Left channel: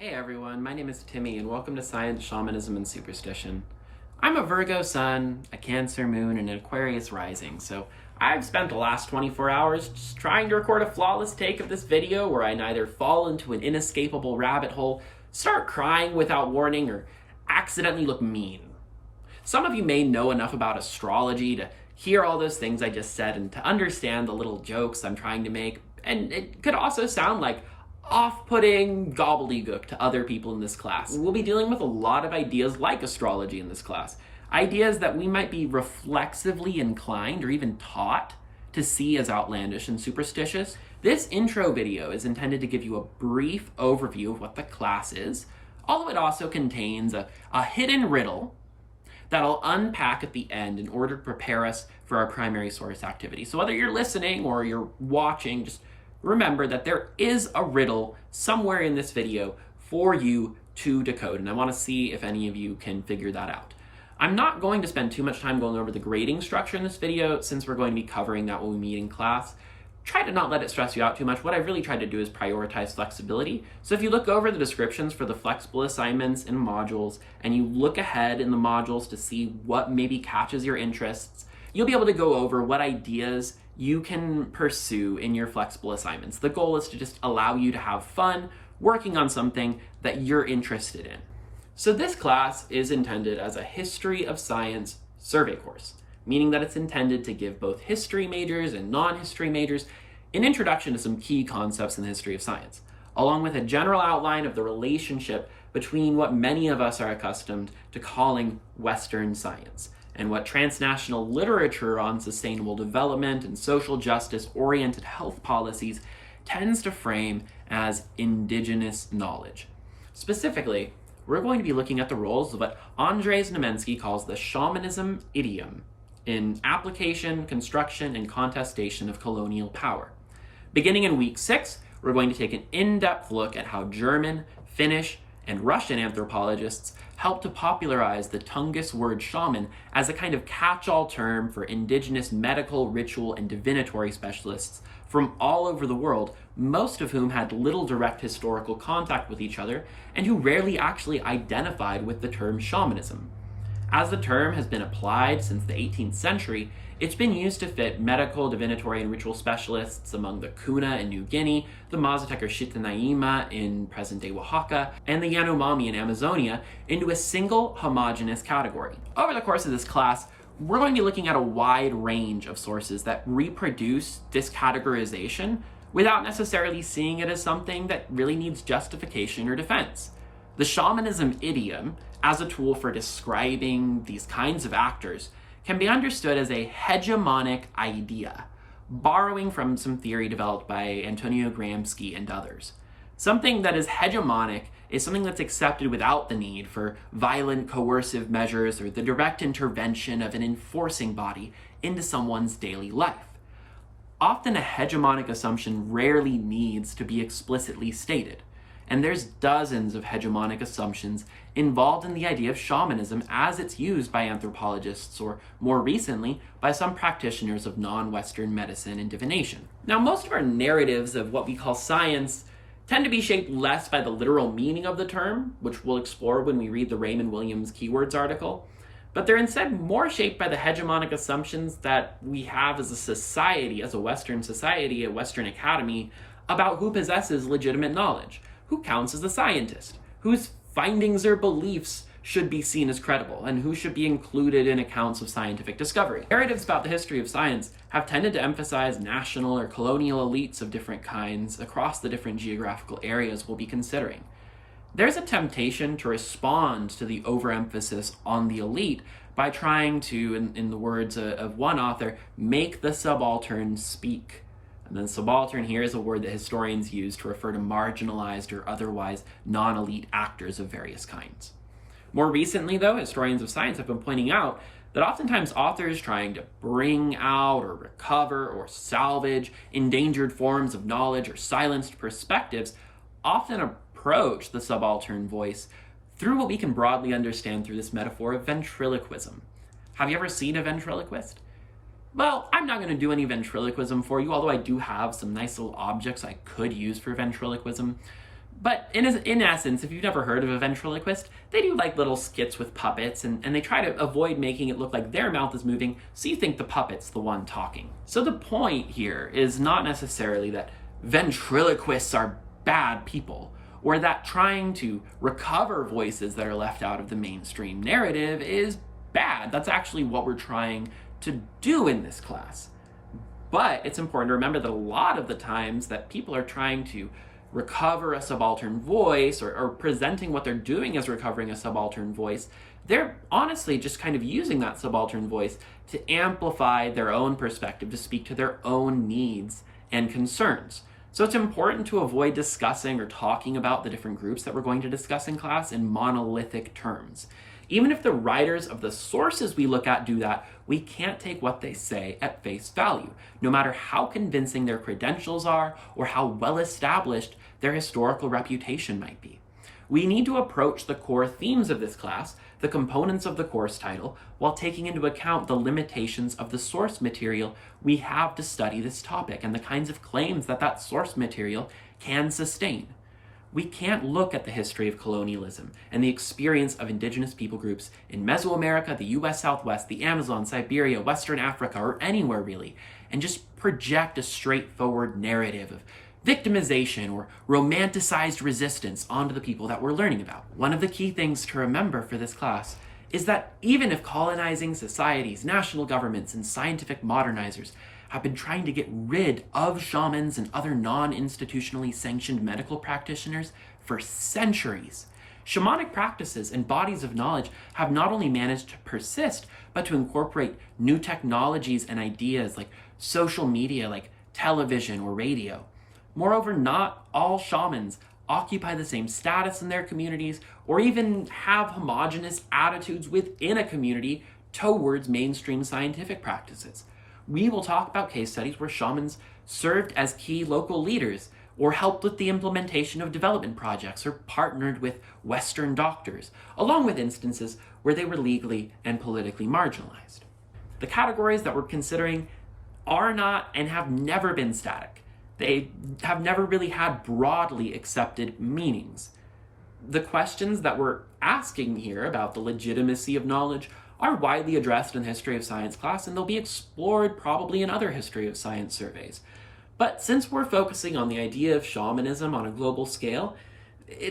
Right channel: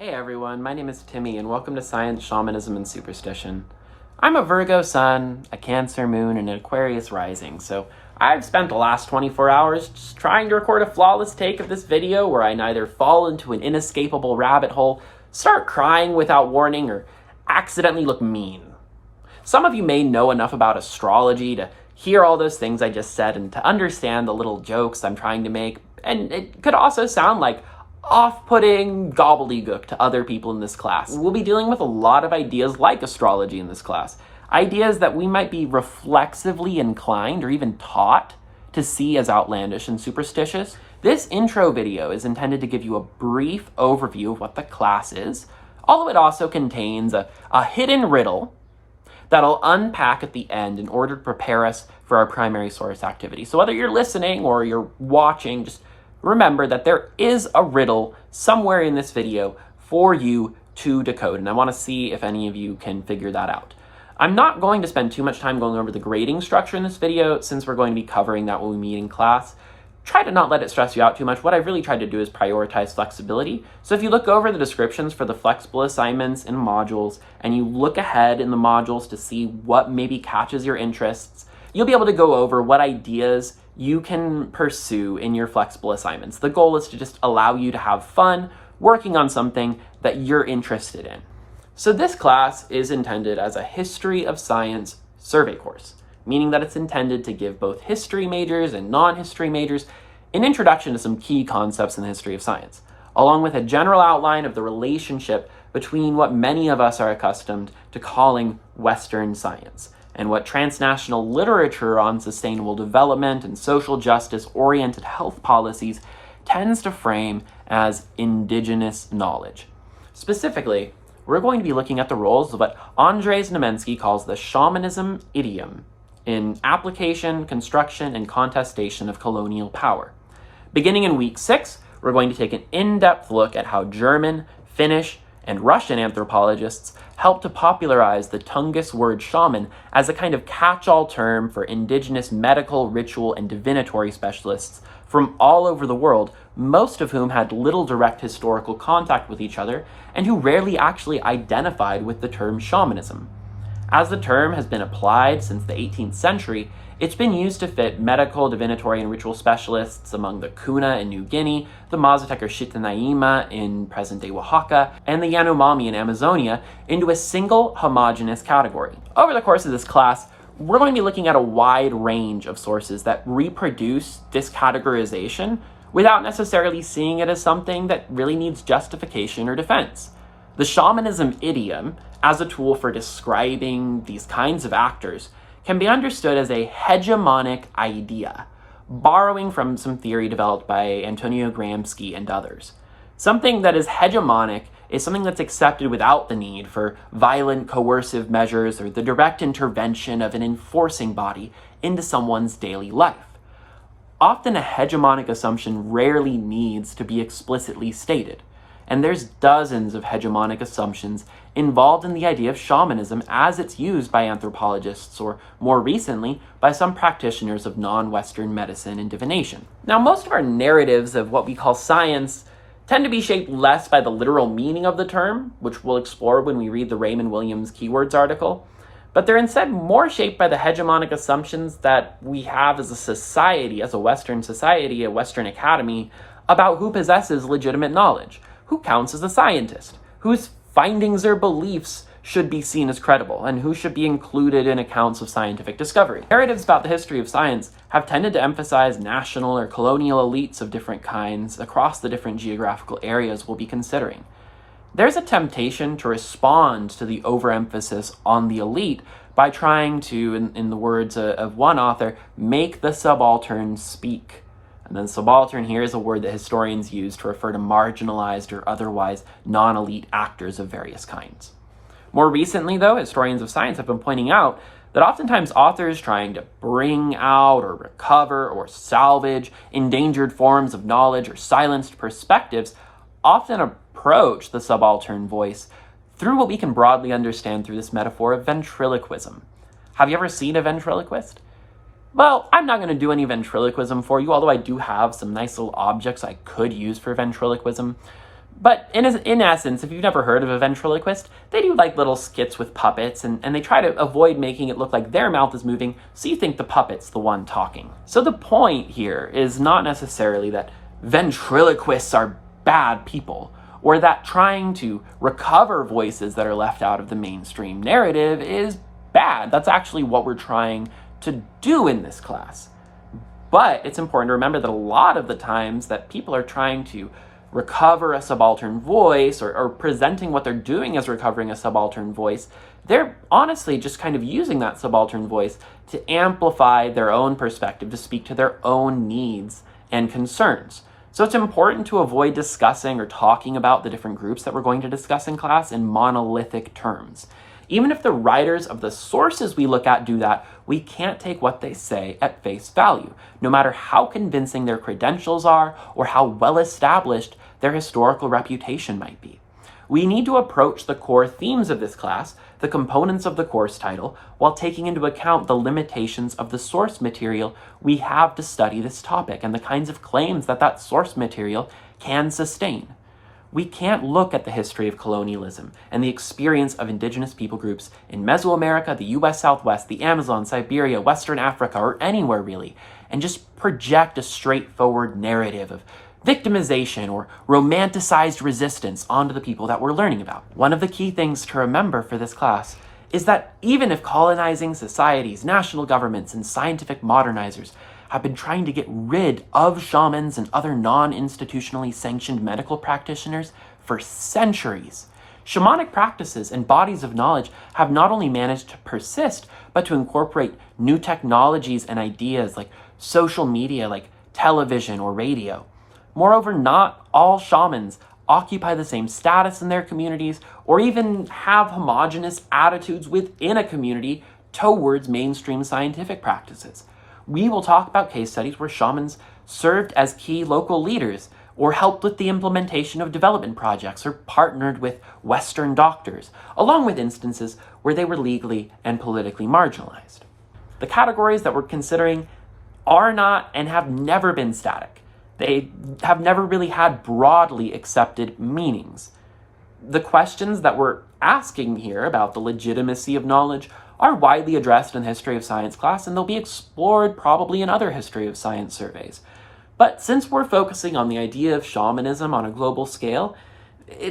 Hey everyone, my name is Timmy and welcome to Science, Shamanism, and Superstition. I'm a Virgo sun, a Cancer moon, and an Aquarius rising, so I've spent the last 24 hours just trying to record a flawless take of this video where I neither fall into an inescapable rabbit hole, start crying without warning, or accidentally look mean. Some of you may know enough about astrology to hear all those things I just said and to understand the little jokes I'm trying to make, and it could also sound like off-putting gobbledygook to other people in this class. We'll be dealing with a lot of ideas like astrology in this class. Ideas that we might be reflexively inclined or even taught to see as outlandish and superstitious. This intro video is intended to give you a brief overview of what the class is, although it also contains a hidden riddle that I'll unpack at the end in order to prepare us for our primary source activity. So whether you're listening or you're watching, just remember that there is a riddle somewhere in this video for you to decode, and I want to see if any of you can figure that out. I'm not going to spend too much time going over the grading structure in this video since we're going to be covering that when we meet in class. Try to not let it stress you out too much. What I've really tried to do is prioritize flexibility. So if you look over the descriptions for the flexible assignments and modules, and you look ahead in the modules to see what maybe catches your interests, you'll be able to go over what ideas you can pursue in your flexible assignments. The goal is to just allow you to have fun working on something that you're interested in. So this class is intended as a history of science survey course, meaning that it's intended to give both history majors and non-history majors an introduction to some key concepts in the history of science, along with a general outline of the relationship between what many of us are accustomed to calling Western science and what transnational literature on sustainable development and social justice-oriented health policies tends to frame as indigenous knowledge. Specifically, we're going to be looking at the roles of what Andrzej Znamensky calls the shamanism idiom in application, construction, and contestation of colonial power. Beginning in week 6, we're going to take an in-depth look at how German, Finnish, and Russian anthropologists helped to popularize the Tungus word shaman as a kind of catch-all term for indigenous medical, ritual, and divinatory specialists from all over the world, most of whom had little direct historical contact with each other and who rarely actually identified with the term shamanism. As the term has been applied since the 18th century, it's been used to fit medical, divinatory, and ritual specialists among the Kuna in New Guinea, the Mazatec or Chitanaima in present-day Oaxaca, and the Yanomami in Amazonia into a single homogeneous category. Over the course of this class, we're going to be looking at a wide range of sources that reproduce this categorization without necessarily seeing it as something that really needs justification or defense. The shamanism idiom, as a tool for describing these kinds of actors, can be understood as a hegemonic idea, borrowing from some theory developed by Antonio Gramsci and others. Something that is hegemonic is something that's accepted without the need for violent coercive measures or the direct intervention of an enforcing body into someone's daily life. Often a hegemonic assumption rarely needs to be explicitly stated, and there's dozens of hegemonic assumptions involved in the idea of shamanism as it's used by anthropologists or, more recently, by some practitioners of non-Western medicine and divination. Now, most of our narratives of what we call science tend to be shaped less by the literal meaning of the term, which we'll explore when we read the Raymond Williams Keywords article, but they're instead more shaped by the hegemonic assumptions that we have as a society, as a Western society, a Western academy, about who possesses legitimate knowledge, who counts as a scientist, whose findings or beliefs should be seen as credible, and who should be included in accounts of scientific discovery. Narratives about the history of science have tended to emphasize national or colonial elites of different kinds across the different geographical areas we'll be considering. There's a temptation to respond to the overemphasis on the elite by trying to, in the words of one author, make the subaltern speak. And then subaltern here is a word that historians use to refer to marginalized or otherwise non-elite actors of various kinds. More recently, though, historians of science have been pointing out that oftentimes authors trying to bring out or recover or salvage endangered forms of knowledge or silenced perspectives often approach the subaltern voice through what we can broadly understand through this metaphor of ventriloquism. Have you ever seen a ventriloquist? Well, I'm not going to do any ventriloquism for you, although I do have some nice little objects I could use for ventriloquism. But in essence, if you've never heard of a ventriloquist, they do like little skits with puppets, and they try to avoid making it look like their mouth is moving, so you think the puppet's the one talking. So the point here is not necessarily that ventriloquists are bad people, or that trying to recover voices that are left out of the mainstream narrative is bad. That's actually what we're trying to do in this class. But it's important to remember that a lot of the times that people are trying to recover a subaltern voice, or presenting what they're doing as recovering a subaltern voice, they're honestly just kind of using that subaltern voice to amplify their own perspective, to speak to their own needs and concerns. So it's important to avoid discussing or talking about the different groups that we're going to discuss in class in monolithic terms. Even if the writers of the sources we look at do that, we can't take what they say at face value, no matter how convincing their credentials are or how well established their historical reputation might be. We need to approach the core themes of this class, the components of the course title, while taking into account the limitations of the source material we have to study this topic and the kinds of claims that source material can sustain. We can't look at the history of colonialism and the experience of indigenous people groups in Mesoamerica, the US Southwest, the Amazon, Siberia, Western Africa, or anywhere really, and just project a straightforward narrative of victimization or romanticized resistance onto the people that we're learning about. One of the key things to remember for this class is that even if colonizing societies, national governments, and scientific modernizers have been trying to get rid of shamans and other non-institutionally sanctioned medical practitioners for centuries, shamanic practices and bodies of knowledge have not only managed to persist, but to incorporate new technologies and ideas like social media, like television or radio. Moreover, not all shamans occupy the same status in their communities or even have homogenous attitudes within a community towards mainstream scientific practices. We will talk about case studies where shamans served as key local leaders or helped with the implementation of development projects or partnered with Western doctors, along with instances where they were legally and politically marginalized. The categories that we're considering are not and have never been static. They have never really had broadly accepted meanings. The questions that we're asking here about the legitimacy of knowledge are widely addressed in the history of science class, and they'll be explored probably in other history of science surveys. But since we're focusing on the idea of shamanism on a global scale,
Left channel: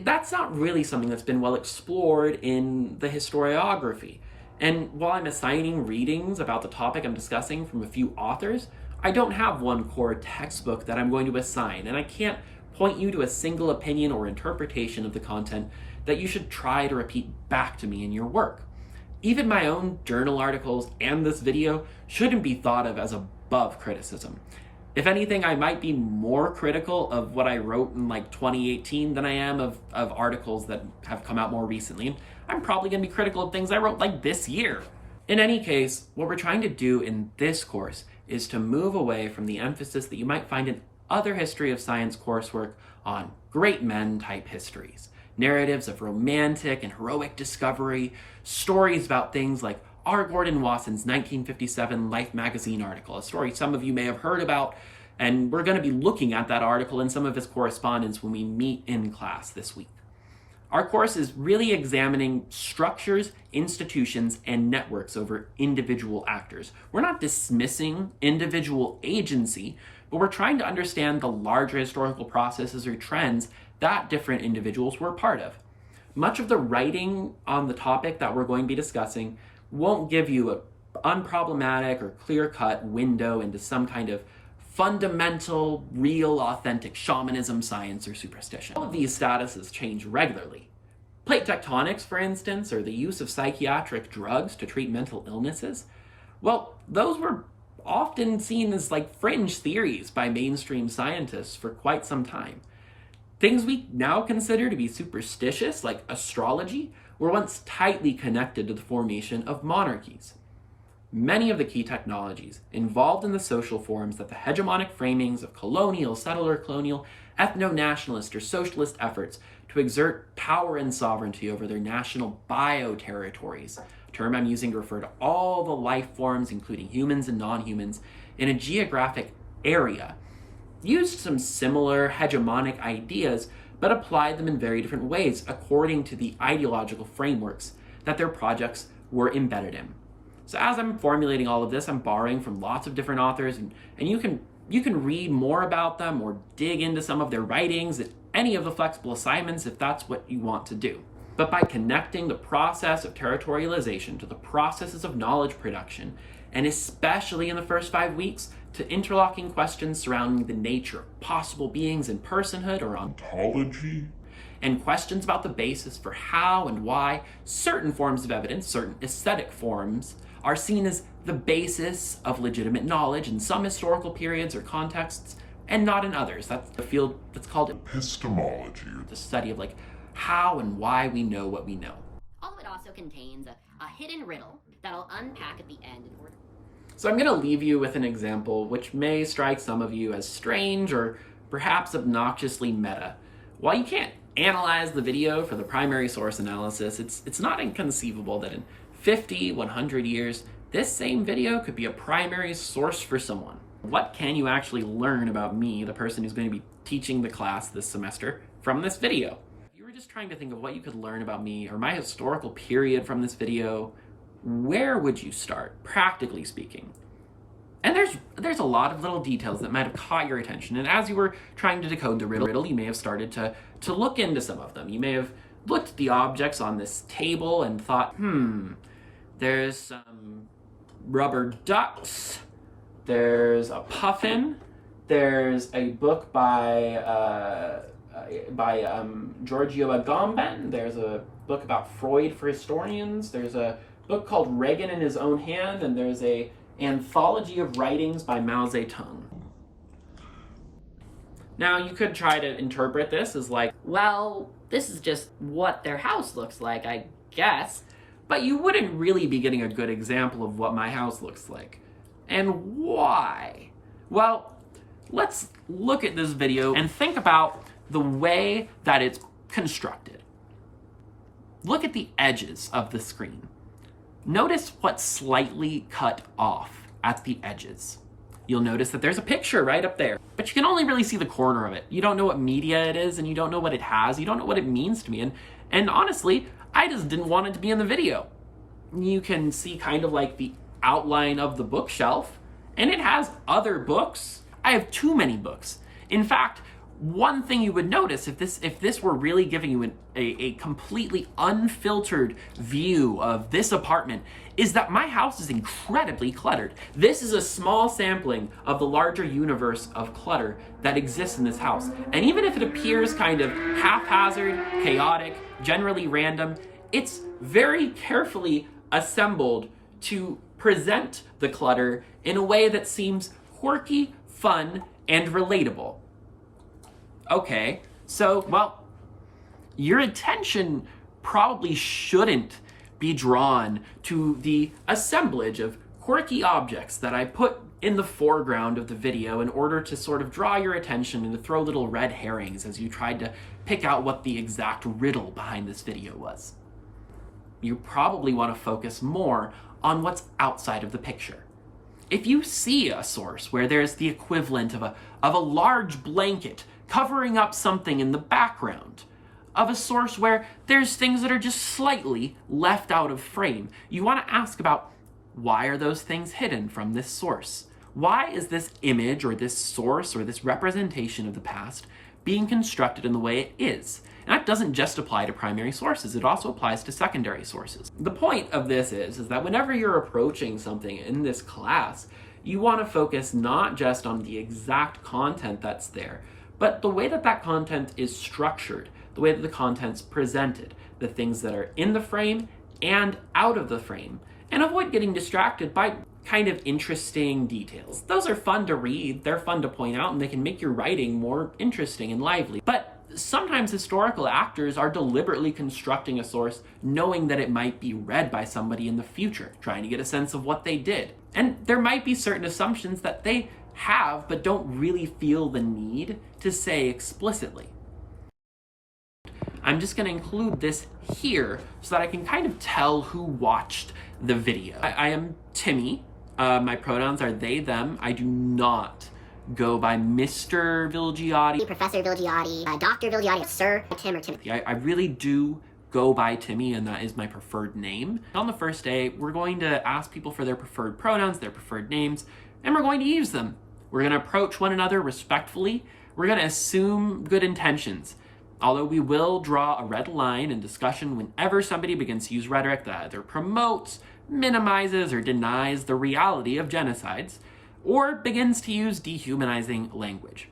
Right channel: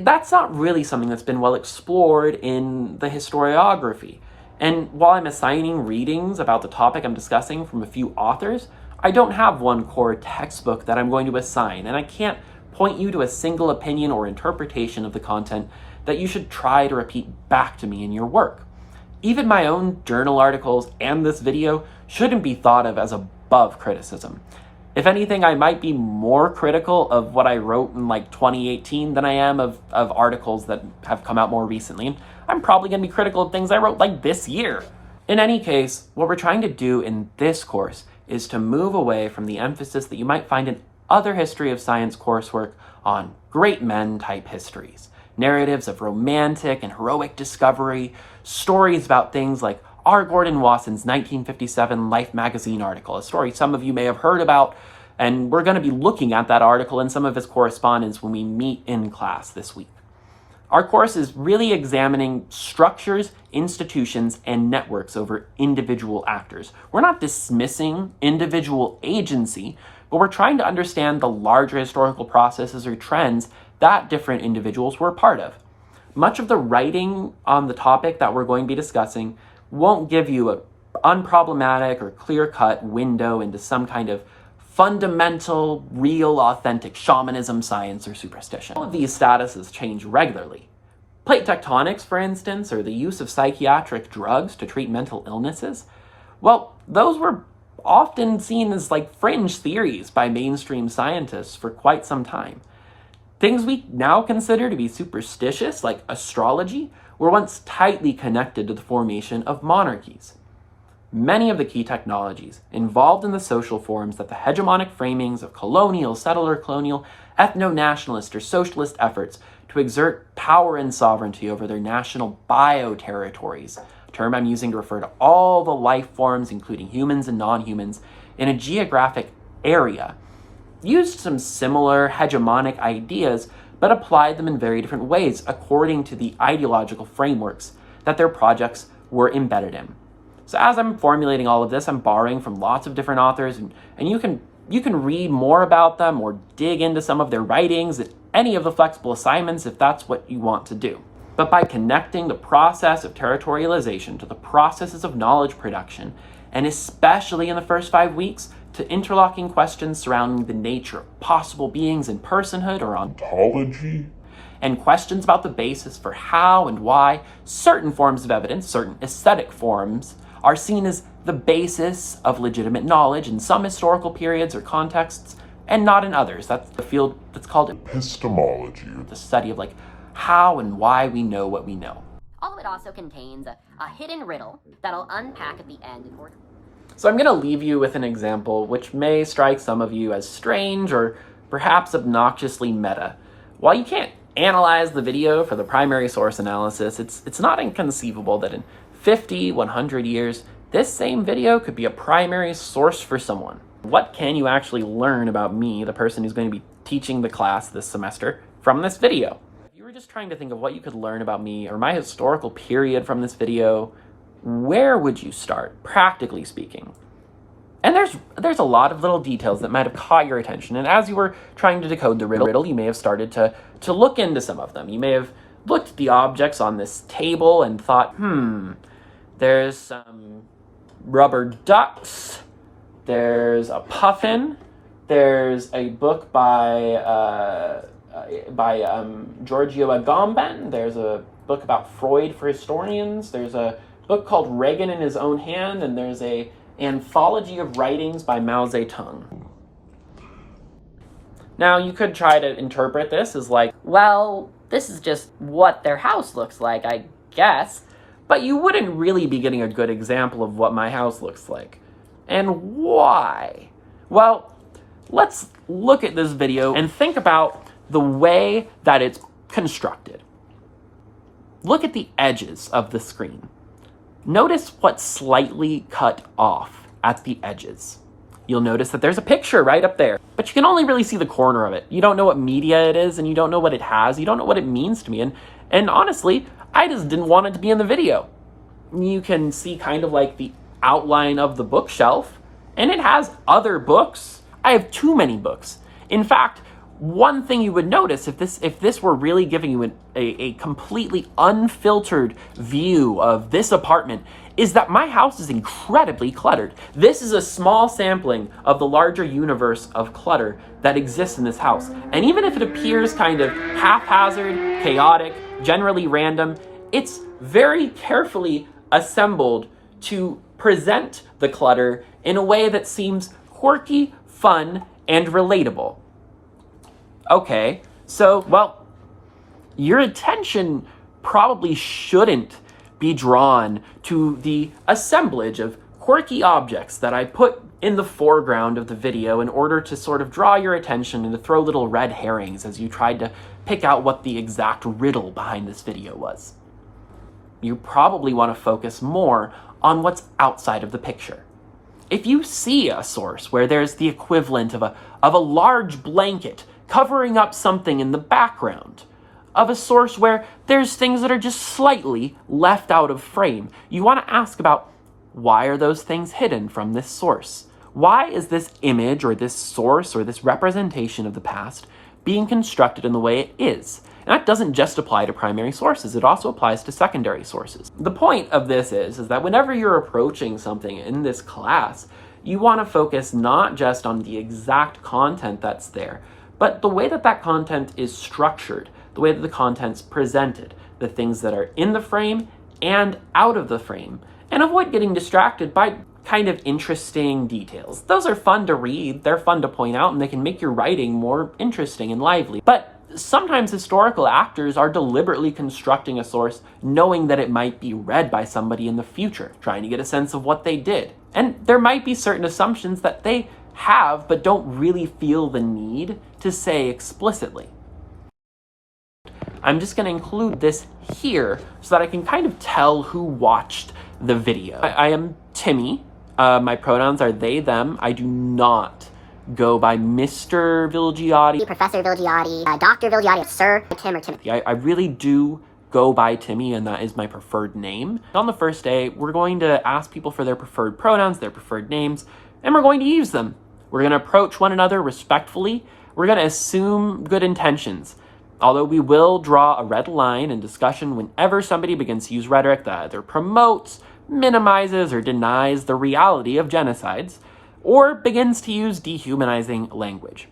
that's not really something that's been well explored in the historiography. And while I'm assigning readings about the topic I'm discussing from a few authors, I don't have one core textbook that I'm going to assign, and I can't point you to a single opinion or interpretation of the content that you should try to repeat back to me in your work. Even my own journal articles and this video shouldn't be thought of as above criticism. If anything, I might be more critical of what I wrote in 2018 than I am of articles that have come out more recently. And I'm probably going to be critical of things I wrote this year. In any case, what we're trying to do in this course is to move away from the emphasis that you might find in other history of science coursework on great men type histories, narratives of romantic and heroic discovery, stories about things like R. Gordon Wasson's 1957 Life magazine article, a story some of you may have heard about, and we're going to be looking at that article and some of his correspondence when we meet in class this week. Our course is really examining structures, institutions, and networks over individual actors. We're not dismissing individual agency, but we're trying to understand the larger historical processes or trends that different individuals were a part of. Much of the writing on the topic that we're going to be discussing won't give you an unproblematic or clear-cut window into some kind of fundamental, real, authentic shamanism, science, or superstition. All of these statuses change regularly. Plate tectonics, for instance, or the use of psychiatric drugs to treat mental illnesses, well, those were often seen as fringe theories by mainstream scientists for quite some time. Things we now consider to be superstitious, like astrology, were once tightly connected to the formation of monarchies. Many of the key technologies involved in the social forms that the hegemonic framings of colonial, settler colonial, ethno-nationalist, or socialist efforts to exert power and sovereignty over their national bioterritories, a term I'm using to refer to all the life forms, including humans and non-humans, in a geographic area, used some similar hegemonic ideas, but applied them in very different ways according to the ideological frameworks that their projects were embedded in. So as I'm formulating all of this, I'm borrowing from lots of different authors, and you can read more about them or dig into some of their writings at any of the flexible assignments if that's what you want to do. But by connecting the process of territorialization to the processes of knowledge production, and especially in the first 5 weeks, to interlocking questions surrounding the nature of possible beings in personhood or ontology, and questions about the basis for how and why certain forms of evidence, certain aesthetic forms, are seen as the basis of legitimate knowledge in some historical periods or contexts, and not in others. That's the field that's called epistemology, or the study of how and why we know what we know. Although it also contains a hidden riddle that I'll unpack at the end in order. So I'm going to leave you with an example which may strike some of you as strange or perhaps obnoxiously meta. While you can't analyze the video for the primary source analysis, it's not inconceivable that in 50, 100 years, this same video could be a primary source for someone. What can you actually learn about me, the person who's going to be teaching the class this semester, from this video? If you were just trying to think of what you could learn about me or my historical period from this video, where would you start, practically speaking? And there's a lot of little details that might have caught your attention, and as you were trying to decode the riddle, you may have started to look into some of them. You may have looked at the objects on this table and thought, there's some rubber ducks, there's a puffin, there's a book by Giorgio Agamben, there's a book about Freud for historians, there's a book called Reagan in His Own Hand, and there's a anthology of writings by Mao Zedong. Now, you could try to interpret this as well, this is just what their house looks like, I guess. But you wouldn't really be getting a good example of what my house looks like. And why? Well, let's look at this video and think about the way that it's constructed. Look at the edges of the screen. Notice what's slightly cut off at the edges. You'll notice that there's a picture right up there, but you can only really see the corner of it. You don't know what media it is, and you don't know what it has. You don't know what it means to me. And honestly, I just didn't want it to be in the video. You can see kind of the outline of the bookshelf, and it has other books. I have too many books. In fact, one thing you would notice if this were really giving you a completely unfiltered view of this apartment is that my house is incredibly cluttered. This is a small sampling of the larger universe of clutter that exists in this house. And even if it appears kind of haphazard, chaotic, generally random, it's very carefully assembled to present the clutter in a way that seems quirky, fun, and relatable. Okay, so, well, your attention probably shouldn't be drawn to the assemblage of quirky objects that I put in the foreground of the video in order to sort of draw your attention and to throw little red herrings as you tried to pick out what the exact riddle behind this video was. You probably want to focus more on what's outside of the picture. If you see a source where there's the equivalent of a large blanket covering up something in the background, of a source where there's things that are just slightly left out of frame, you want to ask about why are those things hidden from this source? Why is this image or this source or this representation of the past being constructed in the way it is? And that doesn't just apply to primary sources, it also applies to secondary sources. The point of this is that whenever you're approaching something in this class, you want to focus not just on the exact content that's there, but the way that content is structured, the way that the content's presented, the things that are in the frame and out of the frame, and avoid getting distracted by kind of interesting details. Those are fun to read, they're fun to point out, and they can make your writing more interesting and lively. But sometimes historical actors are deliberately constructing a source knowing that it might be read by somebody in the future, trying to get a sense of what they did. And there might be certain assumptions that they have but don't really feel the need to say explicitly. I'm just going to include this here so that I can kind of tell who watched the video. I am Timmy. My pronouns are they, them. I do not go by Mr. Vilgiotti, Professor Vilgiotti, Dr. Vilgiotti, Sir Tim or Timothy. I really do go by Timmy, and that is my preferred name. On the first day, we're going to ask people for their preferred pronouns, their preferred names, and we're going to use them. We're going to approach one another respectfully. We're going to assume good intentions. Although we will draw a red line in discussion whenever somebody begins to use rhetoric that either promotes, minimizes, or denies the reality of genocides, or begins to use dehumanizing language.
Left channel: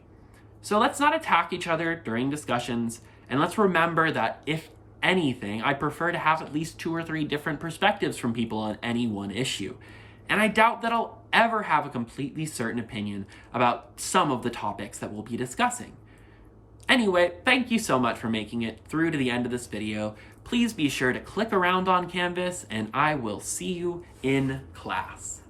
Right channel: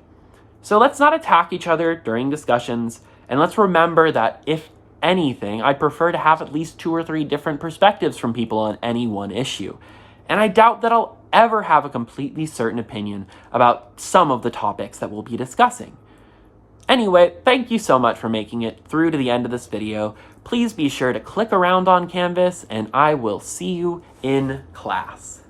So let's not attack each other during discussions, and let's remember that if anything, I'd prefer to have at least 2 or 3 different perspectives from people on any one issue. And I doubt that I'll ever have a completely certain opinion about some of the topics that we'll be discussing. Anyway, thank you so much for making it through to the end of this video. Please be sure to click around on Canvas, and I will see you in class.